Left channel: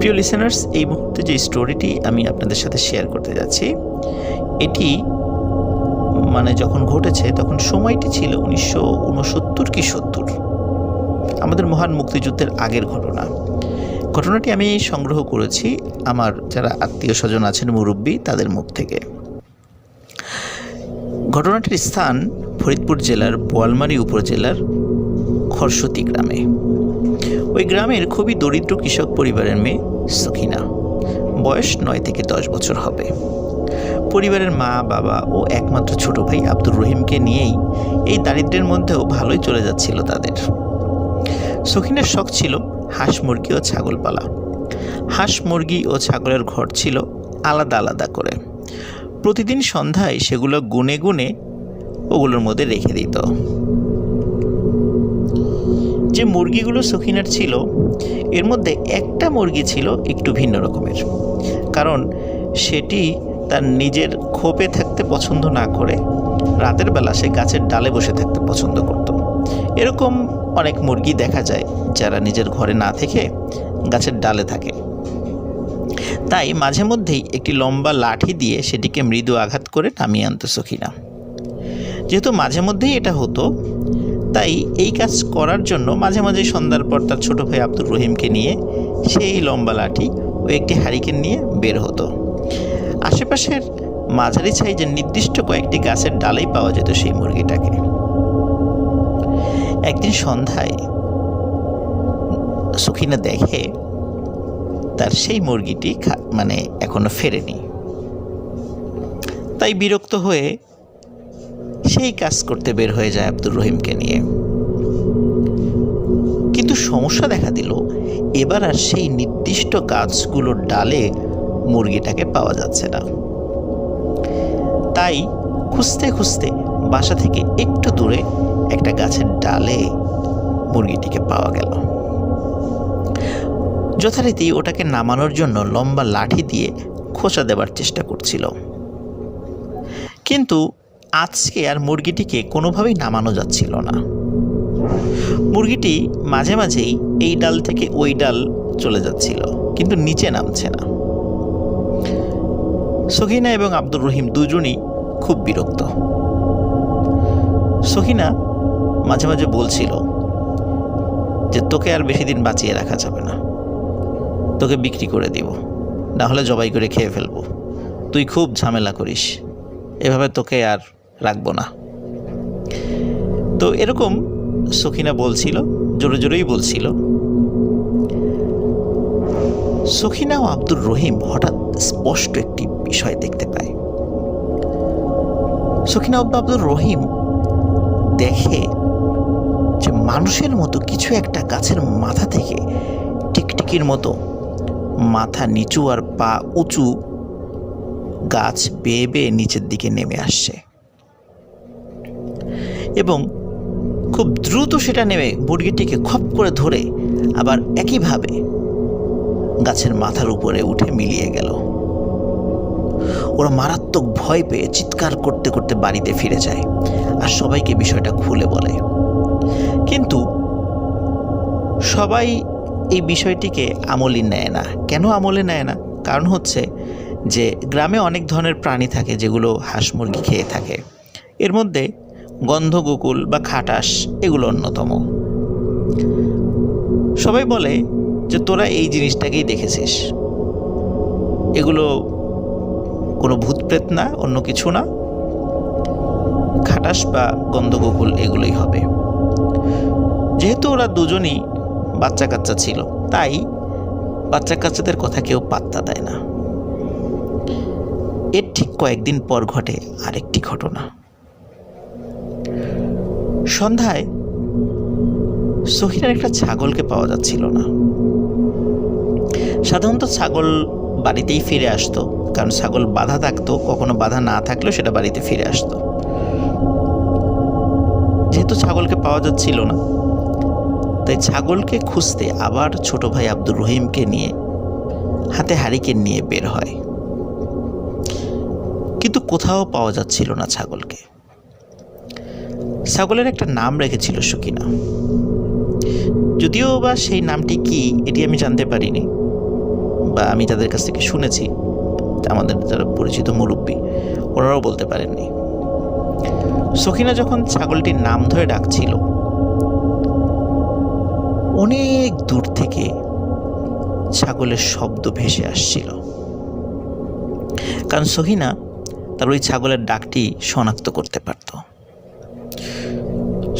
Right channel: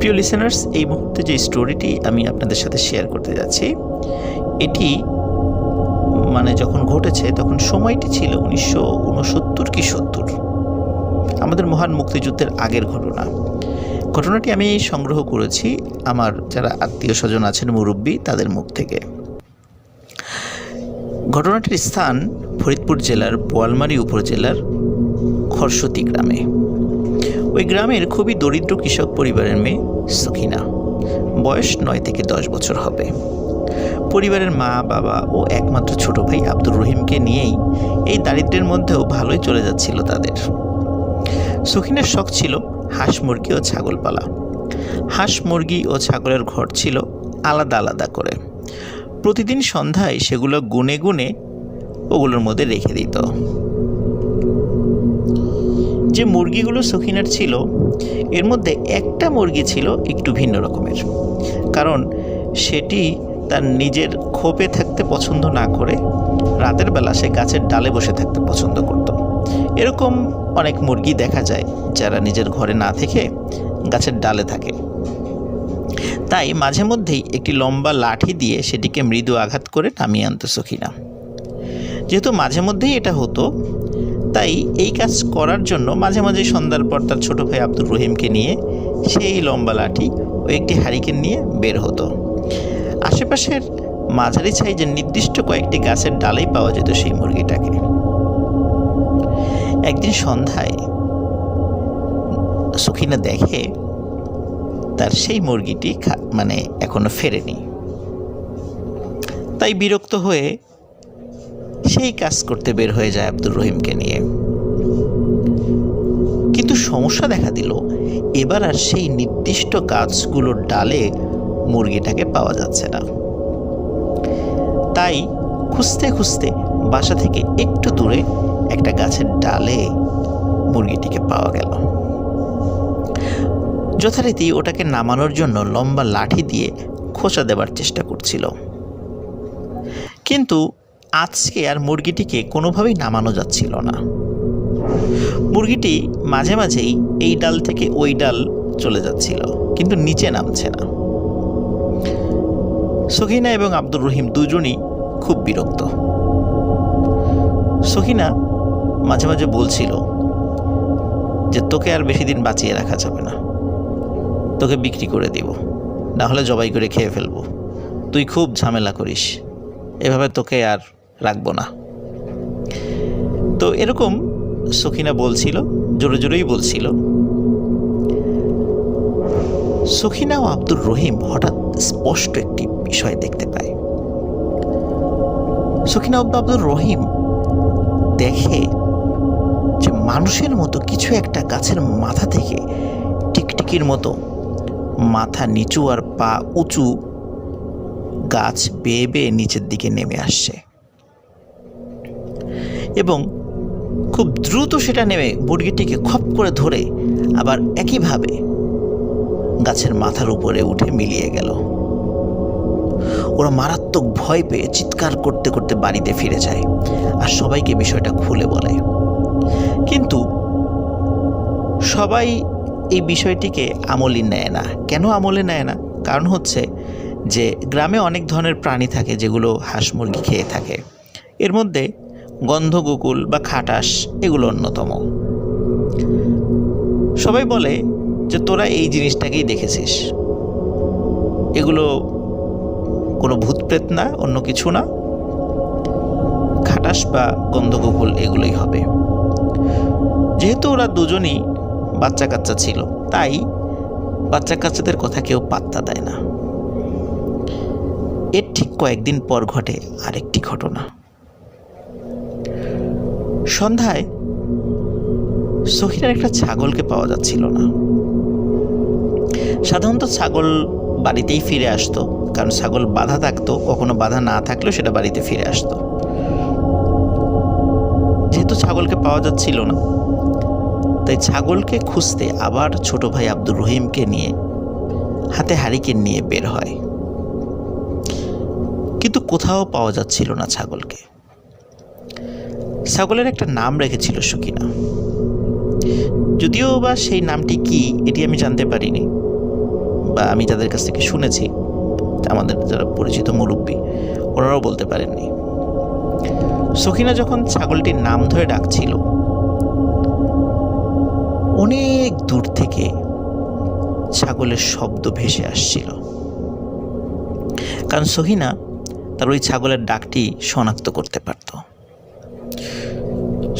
প্রিয় লিসেনার্স এই মুহূর্তে যে স্টোরিটি আমি আপনাদের সাথে শেয়ার করতে যাচ্ছি, এটি মানে যখন ঘটেছে, তখন সময়টি ছিল উনিশশো উনসত্তর কি সত্তর। আমাদের মহান মুক্তিযুদ্ধের আগের ঘটনা। ঘটনাটি আমি সংগ্রহ করেছি আমার যারা আত্মীয় স্বজন আছেন মুরব্বী, তাদের মুখ থেকে। ঘটনাটির স্থান ফরিদপুর জেলার বোয়ালমারী উপজেলার খরসতি গ্রামে। ওই গ্রামের খুবই দরিদ্র কৃষক পরিবারের মেয়ে সখিনা। বয়স নয় থেকে দশ বছর হবে। পরিবারের মা, বাবা ও একমাত্র ছোট ভাই আব্দুর রহিমকে নিয়েই এই দারিদ্র্যের মধ্যেও ভালোই চলে যাচ্ছিল তাদের। সখিনের শখ ছিল হাঁস, মুরগি ও ছাগল পালা। হাঁস, মুরগি ও ছাগলের ঘর ছিল আলাদা আলাদা করে। প্রতিদিন সন্ধ্যায় সেগুলো গুনে গুনে ওগুলোর মধ্যে রেখে দিত। যে মুরগিগুলো সখিনার ছিল, এর মধ্যে একটা মুরগি ছিল একটু ভিন্ন রকমের। কারণ সেটি তার নিজের খোপে থাকতে পছন্দ না করে রাতের বেলা সে গাছের ডালে বসে থাকতে পছন্দ করত। এরকম অনেক মুরগি দেখা যায় যারা নিজের ঘরে না থেকে গাছের ডালে থাকে। তাই মাঝে মধ্যেই একটি লম্বা লাঠি দিয়ে সেটিকে মৃদু আঘাত করে নামিয়ে আনত সখিনা। যেহেতু মাঝে মধ্যেই এটা হতো তাই এই কাজ করার জন্য মাঝে মাঝে সন্ধ্যার পর তার ছোটো ভাই আব্দুর রহিমকে নিয়ে সেই লম্বা লাঠি ও একটি হারিকেন নিয়ে বের হতো। আশেপাশের মাঝারি সাইজের নির্দিষ্ট কয়েকটি গাছের ডালেই পাওয়া যেত সেই মুরগিটাকে। একদিন সন্ধ্যায় সুখিনা দেখে তার সেই মুরগিটি মানে এখনও ফেরেনি। তাই বিরক্ত হয়ে সেই কাজ করতে বের হয়ে যায় আব্দুর রহিমকে নিয়ে। কিন্তু সমস্যা দেখা দিল, এবার আর সেই নির্দিষ্ট গাছগুলোর ডালে মুরগিটাকে পাওয়া যাচ্ছে না। তাই খুঁজতে খুঁজতে বাসা থেকে একটু দূরে একটা গাছের ডালে মুরগিটিকে পাওয়া গেল। যথারীতি ওটাকে নামানোর জন্য লম্বা লাঠি দিয়ে খোঁচা দেবার চেষ্টা করছিল। কিন্তু আজকে আর মুরগিটিকে কোনোভাবেই নামানো যাচ্ছিল না। মুরগিটি মাঝে মাঝেই এই ডাল থেকে ওই ডাল চলে যাচ্ছিল, কিন্তু নিচে নামছে না। সখিনা এবং আব্দুর রহিম দুজনই খুব বিরক্ত। সখিনা মাঝে মাঝে বলছিল যে, তোকে আর বেশি দিন বাঁচিয়ে রাখা যাবে না। তোকে বিক্রি করে দিব না হলে জবাই করে খেয়ে ফেলব। তুই খুব ঝামেলা করিস। এভাবে তোকে আর রাখব না। তো এরকম সখিনা বলছিল, জোরে জোরেই বলছিল, সখিনা ও আব্দুর রহিম হঠাৎ স্পষ্ট একটি বিষয় দেখতে পায়। সখিনা আব্দুর রহিম দেখে যে মানুষের মতো কিছু একটা গাছের মাথা থেকে টিকটিকির মতো মাথা নিচু আর পা উঁচু গাছ বেয়ে বেয়ে নিচের দিকে নেমে আসছে। এবং খুব দ্রুত সেটা নেমে মুরগিটিকে খপ করে ধরে আবার একইভাবে গাছের মাথার উপরে উঠে মিলিয়ে গেল। ওরা মারাত্মক ভয় পেয়ে চিৎকার করতে করতে বাড়িতে ফিরে যায় আর সবাইকে বিষয়টা খুলে বলে। কিন্তু সবাই এই বিষয়টিকে আমলে নেয় না। কেন আমলে নেয় না? কারণ হচ্ছে যে গ্রামে অনেক ধরনের প্রাণী থাকে যেগুলো হাঁস মুরগি খেয়ে থাকে। এর মধ্যে গন্ধগোকুল বা খাটাস এগুলো অন্যতম। সবাই বলে যে তোরা এই জিনিসটাকেই দেখেছিস। এগুলো কোনো ভূতপ্রেত না, অন্য কিছু না। খাটাস বা গন্ধগোকুল এগুলোই হবে। যেহেতু ওরা দুজনই বাচ্চা কাচ্চা ছিল, তাই বাচ্চা কাচ্চাদের কথা কেউ পাত্তা দেয় না। এর ঠিক কয়েকদিন পর ঘটে আরেকটি ঘটনা। সন্ধ্যায় সহিনার একটা ছাগলকে পাওয়া যাচ্ছিল না। সাধারণত ছাগল বাড়িতেই ফিরে আসতো, কারণ ছাগল বাধা থাকতো, কখনো বাধা না থাকলেও সেটা বাড়িতে ফিরে আসতো। যেহেতু ছাগলকে পাওয়া যাচ্ছিল না, তাই ছাগলকে খুঁজতে আবার ছোট ভাই আব্দুর রহিমকে নিয়ে, হাতে হারিকেন নিয়ে বের হয়। কিন্তু কোথাও পাওয়া যাচ্ছিল না ছাগলকে। ছাগলের একটা নাম রেখেছিল সুকিনা। যদিও বা সেই নামটি কি, এটি আমি জানতে পারিনি, বা আমি তাদের কাছ থেকে শুনেছি, আমাদের যারা পরিচিত মুরব্বী, ওনারাও বলতে পারেননি। সখিনা যখন ছাগলটির নাম ধরে ডাকছিল, অনেক দূর থেকে ছাগলের শব্দ ভেসে আসছিল। কারণ সহিনা তার ওই ছাগলের ডাকটি শনাক্ত করতে পারত।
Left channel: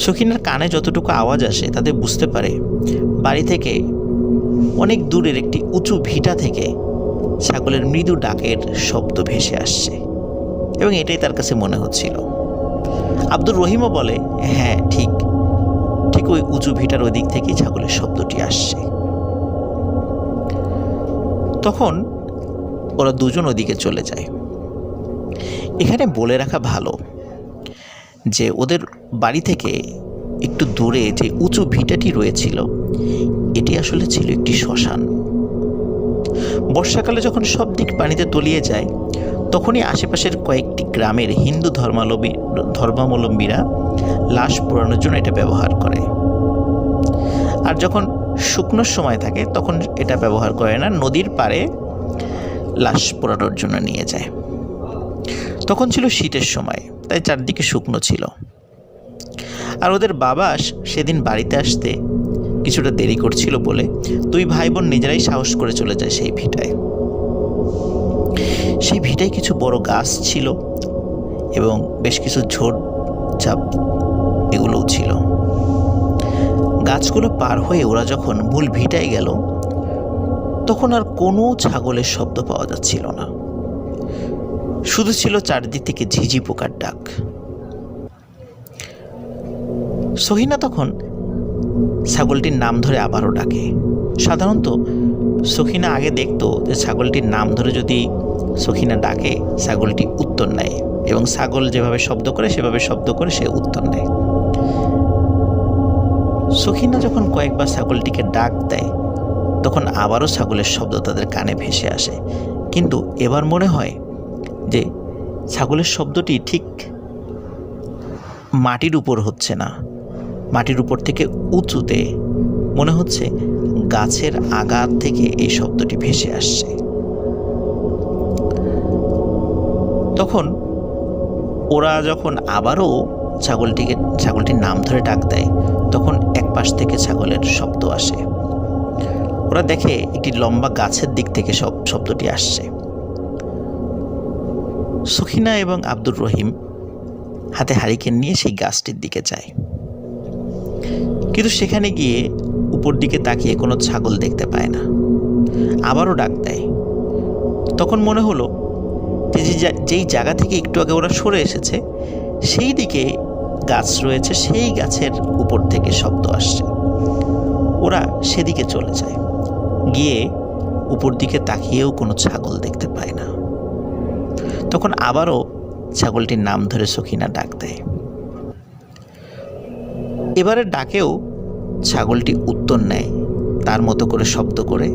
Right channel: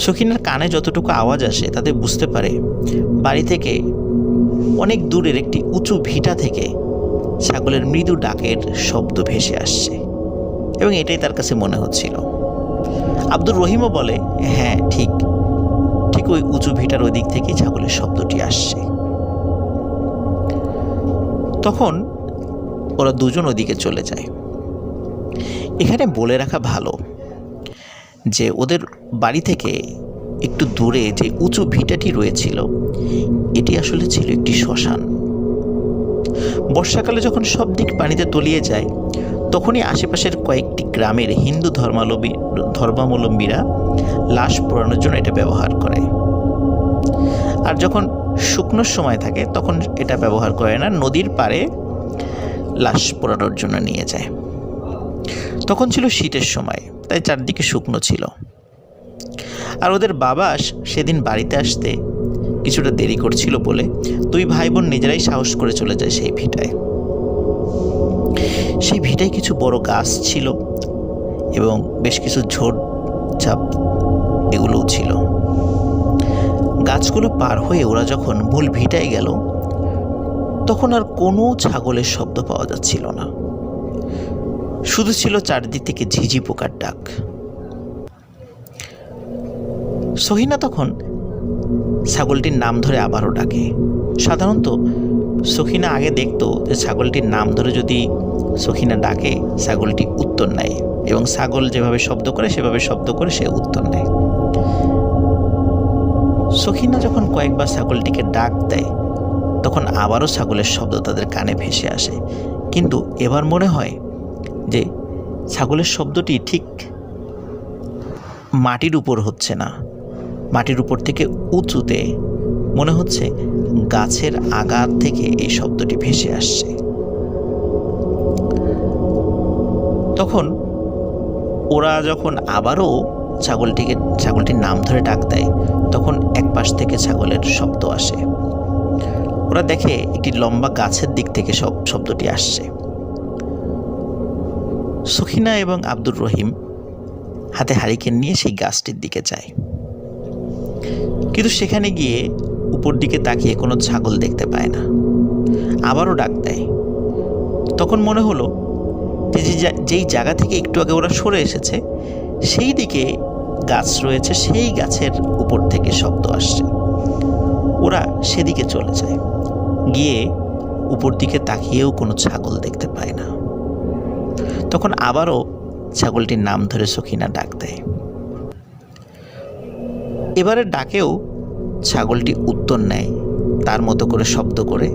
সখিনার কানে যতটুকু আওয়াজ আসে তাতে বুঝতে পারে বাড়ি থেকে অনেক দূরের একটি উঁচু ভিটা থেকে ছাগলের মৃদু ডাকের শব্দ ভেসে আসছে এবং এটাই তার কাছে মনে হচ্ছিল। আব্দুর রহিমও বলে হ্যাঁ ঠিক। ঠিক ওই উঁচু ভিটার ওই দিক থেকেই ছাগলের শব্দটি আসছে। তখন ওরা দুজন ওদিকে চলে যায়। এখানে বলে রাখা ভালো যে ওদের বাড়ি থেকে একটু দূরে যে উঁচু ভিটাটি রয়েছিল, এটি আসলে ছিল একটি শ্মশান। বর্ষাকালে যখন সব দিক পানিতে তলিয়ে যায়, তখনই আশেপাশের কয়েকটি গ্রামের হিন্দু ধর্মাবলম্বী ধর্মাবলম্বীরা লাশ পোড়ানোর জন্য এটা ব্যবহার করে। আর যখন শুকনোর সময় থাকে, তখন এটা ব্যবহার করে না, নদীর পাড়ে লাশ পোড়ানোর জন্য নিয়ে যায়। তখন ছিল শীতের সময়। তাই চারদিকে শুকনো ছিল। আর ওদের বাবা সেদিন বাড়িতে আসতে কিছুটা দেরি করছিল বলে দুই ভাই বোন নিজেরাই সাহস করে চলে যায় সেই ভিটায়। সেই ভিটায় কিছু বড় গাছ ছিল এবং বেশ কিছু ঝোড় চাপ এগুলোও ছিল। গাছগুলো পার হয়ে ওরা যখন মূল ভিটায় গেল, তখন আর কোনো ছাগলের শব্দ পাওয়া যাচ্ছিল না। শুধু ছিল চারদিক থেকে ঝিঝি পোকার ডাক। সহিনা তখন ছাগলটির নাম ধরে আবারও ডাকে। সাধারণত সখিনা আগে দেখতো যে ছাগলটির নাম ধরে যদি সখিনা ডাকে, ছাগলটি উত্তর নেয় এবং ছাগল যেভাবে শব্দ করে, সেভাবে শব্দ করে সে উত্তর নেয়। সখিনা যখন কয়েকবার ছাগলটিকে ডাক দেয়, তখন আবারও ছাগলের শব্দ তাদের কানে ভেসে আসে। কিন্তু এবার মনে হয় যে ছাগলের শব্দটি ঠিক মাটির উপর হচ্ছে না। মাটির উপর থেকে উঁচুতে মনে হচ্ছে গাছের আগার থেকে এই শব্দটি ভেসে আসছে। তখন ওরা যখন আবারও ছাগলটিকে, ছাগলটির নাম ধরে ডাক দেয়, তখন এক পাশ থেকে ছাগলের শব্দ আসে। ওরা দেখে একটি লম্বা গাছের দিক থেকে সব, শব্দটি আসছে। সুখিনা এবং আব্দুর রহিম হাতে হারিকেন নিয়ে সেই গাছটির দিকে যায়। কিন্তু সেখানে গিয়ে উপর দিকে তাকিয়ে কোনো ছাগল দেখতে পায় না। আবারও ডাক দেয়। তখন মনে হলো যে যেই জায়গা থেকে একটু আগে ওরা সরে এসেছে, সেই দিকে গাছ রয়েছে, সেই গাছের উপর থেকে শব্দ আসছে। ওরা সেদিকে চলে যায়। গিয়ে উপর দিকে তাকিয়েও কোনো ছাগল দেখতে পায় না। তখন আবারও ছাগলটির নাম ধরে সখিনা ডাক দেয়। এবারে ডাকেও ছাগলটি উত্তর নেয়, তার মতো করে শব্দ করে।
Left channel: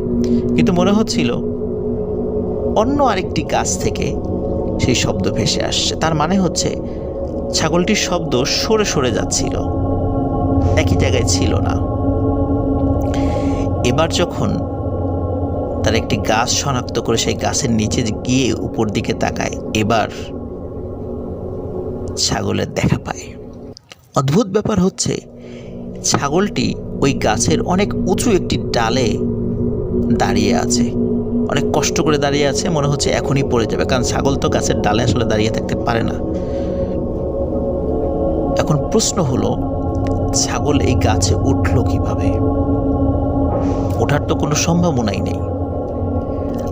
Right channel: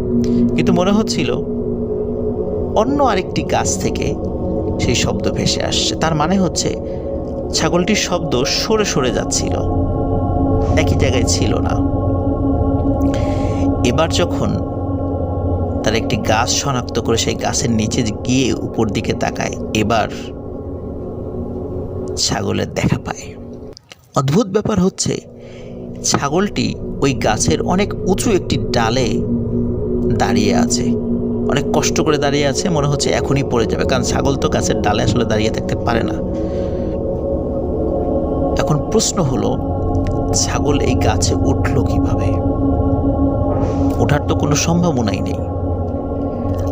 কিন্তু মনে হচ্ছিল অন্য আরেকটি গাছ থেকে সেই শব্দ ভেসে আসছে। তার মানে হচ্ছে ছাগলটির শব্দ সরে সরে যাচ্ছিল, একই জায়গায় ছিল না। এবার যখন তার একটি গাছ শনাক্ত করে সেই গাছের নিচে গিয়ে উপর দিকে তাকায়। এবার ছাগলের দেখা পায়। অদ্ভুত ব্যাপার হচ্ছে, ছাগলটি ওই গাছের অনেক উঁচু একটি ডালে দাঁড়িয়ে আছে। অনেক কষ্ট করে দাঁড়িয়ে আছে, মনে হচ্ছে এখনই পড়ে যাবে, কারণ ছাগল তো গাছের ডালে আসলে দাঁড়িয়ে থাকতে পারে না। এখন প্রশ্ন হলো, ছাগল এই গাছে উঠল কীভাবে? ওঠার তো কোনো সম্ভাবনাই নেই।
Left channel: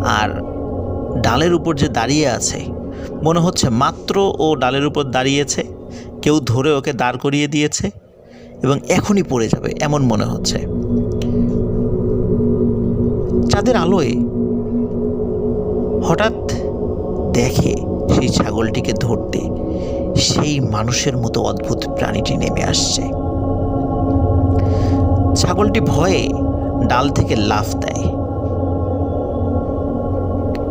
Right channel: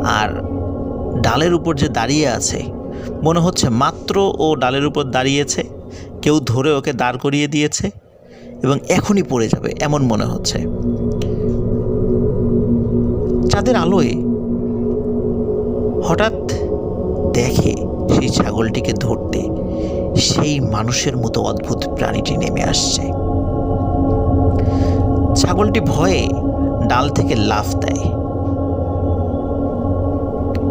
আর ডালের উপর যে দাঁড়িয়ে আছে, মনে হচ্ছে মাত্র ও ডালের উপর দাঁড়িয়েছে, কেউ ধরে ওকে দাঁড় করিয়ে দিয়েছে এবং এখনই পড়ে যাবে এমন মনে হচ্ছে। চাঁদের আলোয় হঠাৎ দেখে সেই ছাগলটিকে ধরতে সেই মানুষের মতো অদ্ভুত প্রাণীটি নেমে আসছে। ছাগলটি ভয়ে ডাল থেকে লাফ দেয়।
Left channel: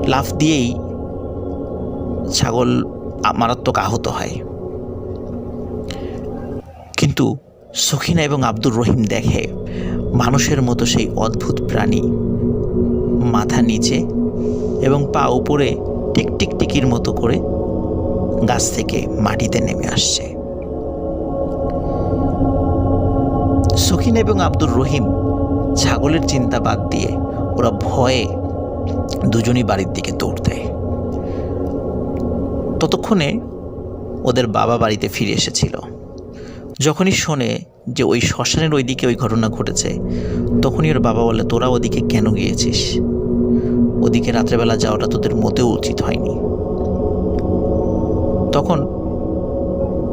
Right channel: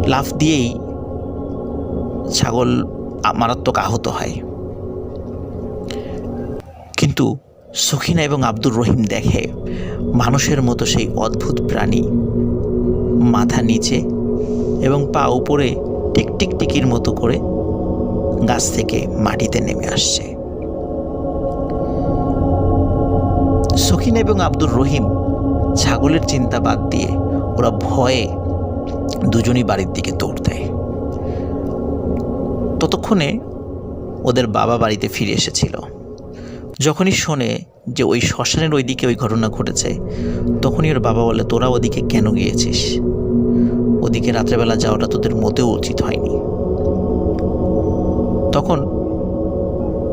লাফ দিয়েই ছাগল মারাত্মক আহত হয়। কিন্তু সখিনা এবং আব্দুর রহিম দেখে মানুষের মতো সেই অদ্ভুত প্রাণী মাথা নিচে এবং পা উপরে টিক টিক টিকির মতো করে গাছ থেকে মাটিতে নেমে আসছে। সখিন এবং আব্দুর রহিম ছাগলের চিন্তা বাদ দিয়ে ওরা ভয়ে দুজনই বাড়ির দিকে দৌড় দেয়। ততক্ষণে ওদের বাবা বাড়িতে ফিরে এসেছিল। যখনই শোনে যে ওই শ্মশানের ওই দিকে ওই ঘটনা ঘটেছে, তখনই ওর বাবা বলে, তোরা ওদিকে কেন গিয়েছিস? ওদিকে রাত্রেবেলা যাওয়াটা তোদের মতেও উচিত হয়নি। তখন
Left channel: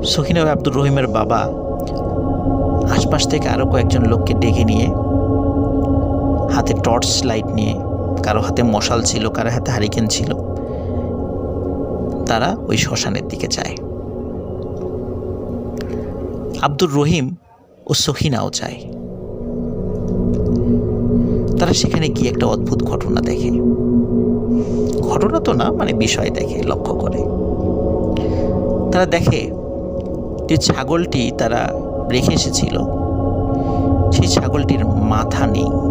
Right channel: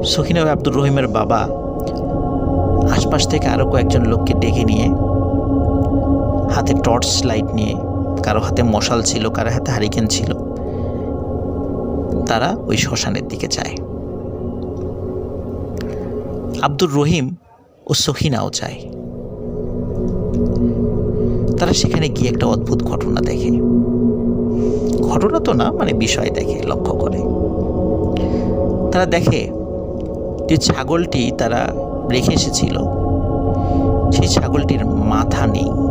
সখিনা আব্দুর রহিমের বাবা আশপাশ থেকে আরও কয়েকজন লোককে ডেকে নিয়ে হাতে টর্চ লাইট নিয়ে কারও হাতে মশাল ছিল, কারও হাতে হারিকেন ছিল। তারা ওই শ্মশানের দিকে যায়। আব্দুর রহিম ও সখিনাও যায়। তারা সেখানে গিয়ে একটা অদ্ভুত ঘটনা দেখে। ঘটনা তো না মানে বিষয় দেখে, লক্ষ্য করে। তারা দেখে যে ছাগলটি তারা রেখে এসেছিল। সেই ছাগলটির মাথা নেই।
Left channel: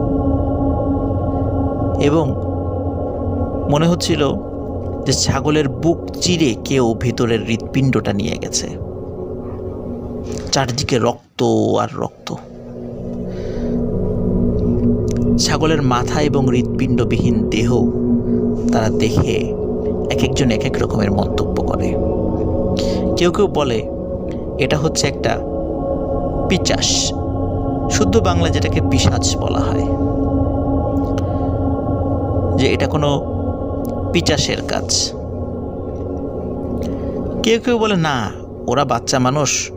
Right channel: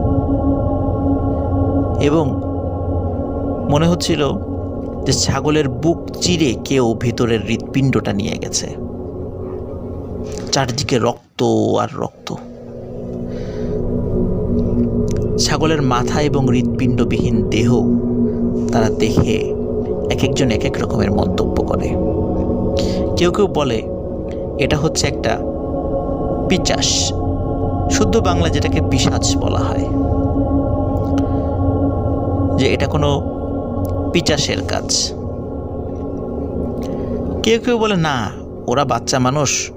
এবং মনে হচ্ছিল যে ছাগলের বুক চিরে কেউ ভেতরের হৃৎপিণ্ডটা নিয়ে গেছে। চারদিকে রক্ত আর রক্ত। ছাগলের মাথা এবং হৃৎপিণ্ডবিহীন দেহ তারা দেখে এক একজন এক এক রকমের মন্তব্য করে। কেউ কেউ বলে, এটা হচ্ছে একটা পিচাস। শুদ্ধ বাংলা যেটাকে পিসাচ বলা হয়। যে এটা কোনো পিচাসের কাজ। কেউ কেউ বলে, না, ওরা বাচ্চা মানুষ,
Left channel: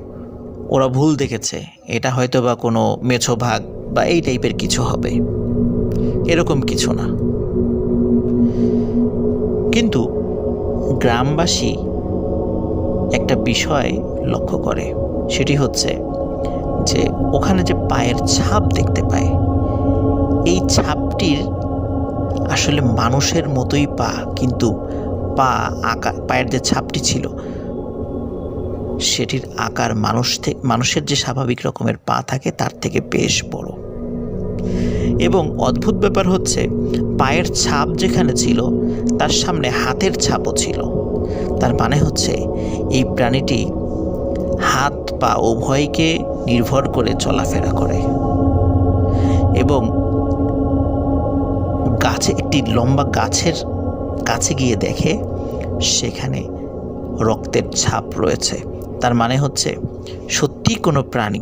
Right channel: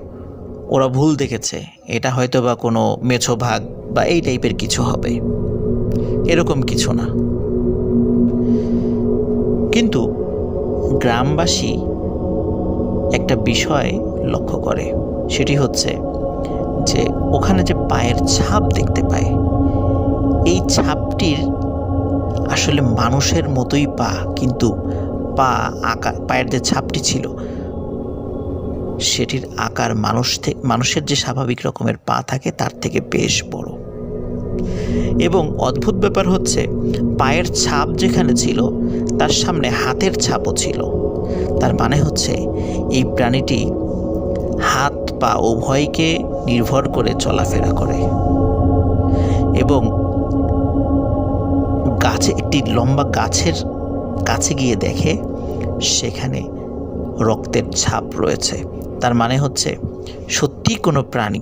ওরা ভুল দেখেছে, এটা হয়তো বা কোনো মেছো ভাগ বা এই টাইপের কিছু হবে। এরকম কিছু না। কিন্তু গ্রামবাসী একটা বিষয় লক্ষ্য করে, সেটি হচ্ছে যে ওখানে যে পায়ের ছাপ দেখতে পায়, এই ছাপটির আসলে মানুষের মতোই পা, কিন্তু পা আঁকা, পায়ের যে ছাপটি ছিল, সেটির আকার মানুষ থেকে মানুষের যে স্বাভাবিক রকমের পা থাকে, তার থেকে বেশ বড়। এবং অদ্ভুত ব্যাপার হচ্ছে, পায়ের ছাপ যেখানে ছিল, তার সামনে হাতের ছাপও ছিল। তার মানে হচ্ছে, এই প্রাণীটি হাত, পা উভয়কে নির্ভর করে চলাফেরা করে। এবং গাছে, একটি লম্বা গাছের কাছে গিয়ে দেখে সেখানে রক্তের ছাপ রয়েছে। তার মানে হচ্ছে সত্যি কোনো প্রাণী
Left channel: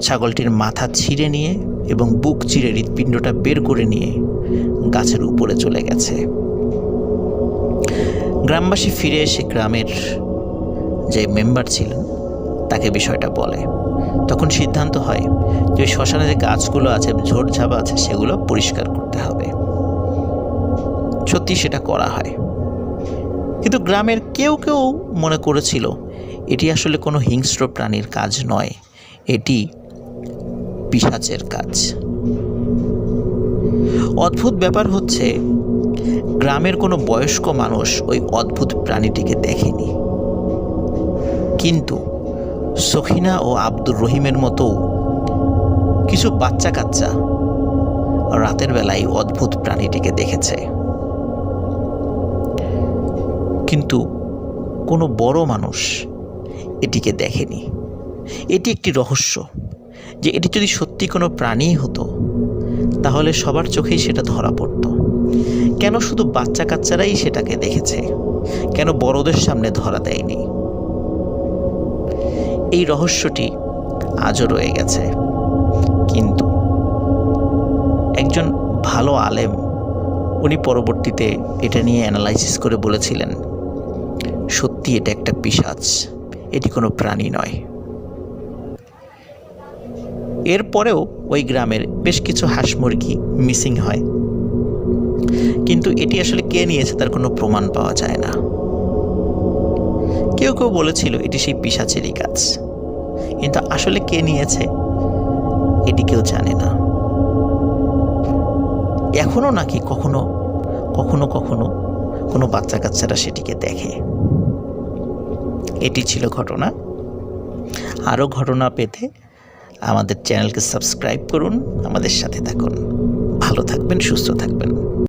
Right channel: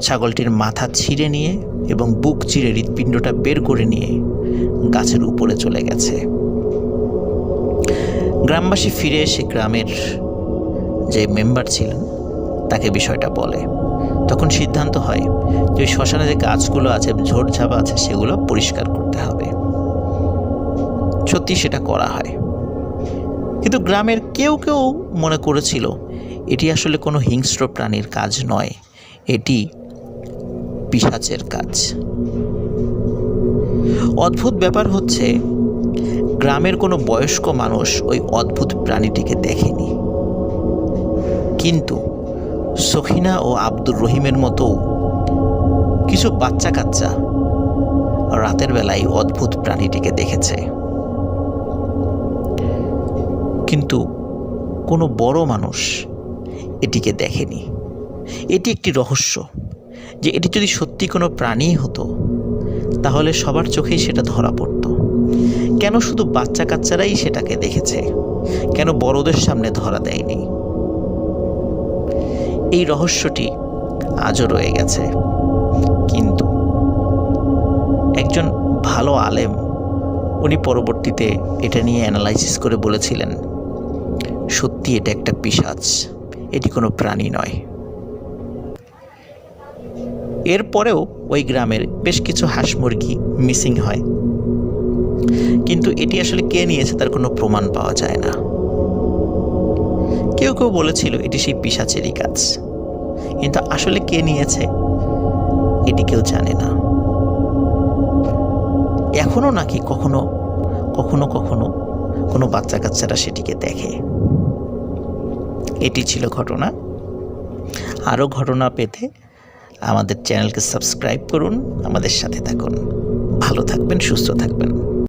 ছাগলটির মাথা ছিঁড়ে নিয়ে এবং বুক চিরে হৃৎপিণ্ডটা বের করে নিয়ে গাছের উপরে চলে গেছে। গ্রামবাসী ফিরে এসে গ্রামের যে মেম্বার ছিলেন, তাকে বিষয়টা বলে। তখন সিদ্ধান্ত হয় যে শ্মশানে যে গাছগুলো আছে ঝোড়ঝাপ আছে, সেগুলো পরিষ্কার করতে হবে। সত্যি সেটা করা হয়। কিন্তু গ্রামের কেউ কেউ মনে করেছিল, এটি আসলে কোনো হিংস্র প্রাণীর কাজ নয়, এটি পিসাচের কাজ। অদ্ভুত ব্যাপার হচ্ছে, গ্রামের কোনো বয়স্ক মানুষ ওই অদ্ভুত প্রাণীটিকে দেখেনি। কিন্তু সখিনা ও আব্দুর রহিমের মতো কিছু বাচ্চা কাচ্চা রাতের বেলায় অদ্ভুত প্রাণীটিকে দেখেছে। কিন্তু কোনো বড় মানুষ এটিকে দেখেনি। এটি একটি রহস্য যে এটি যদি সত্যি কোনো প্রাণী হতো, তাহলে সবার চোখেই সেটা ধরা পড়ত। কেন শুধু বাচ্চা কাচ্চারাই সেটাকে দেখেছে? কেন বড়দের সামনে ধরা দেয়নি? এই রহস্যটি আজও রয়ে গেছে। কিন্তু একজন ভালো আলেম, উনি পরবর্তীতে এটা নিয়ে অ্যানালাইসিস করে বলেছিলেন, সত্যি এটা একটা পিসাচ এটি কোনো প্রাণী নয়। এরপরেও ওই গ্রামের বেশ কিছু হাঁস মুরগি মিসিং হয়। কিন্তু এটি আসলে কে নিয়েছে তার কোনো প্রমাণ পাওয়া যায় না। কেউ কেউ বলেছিল এটি সেই পিসাচেরই কাজ। কিন্তু আসলে কে নিয়েছে, এটি কেউ জানে না। এখনও নাকি কখনো কখনো কখনো কোনো বাচ্চা কাচ্চারা সেটিকে দেখে। এটি ছিল ঘটনা। আরও ঘটনা পেতে আমাদের চ্যানেলকে সাবস্ক্রাইব করুন, আমাদের সাথে থাকুন। ভালো থাকবেন, সুস্থ থাকবেন।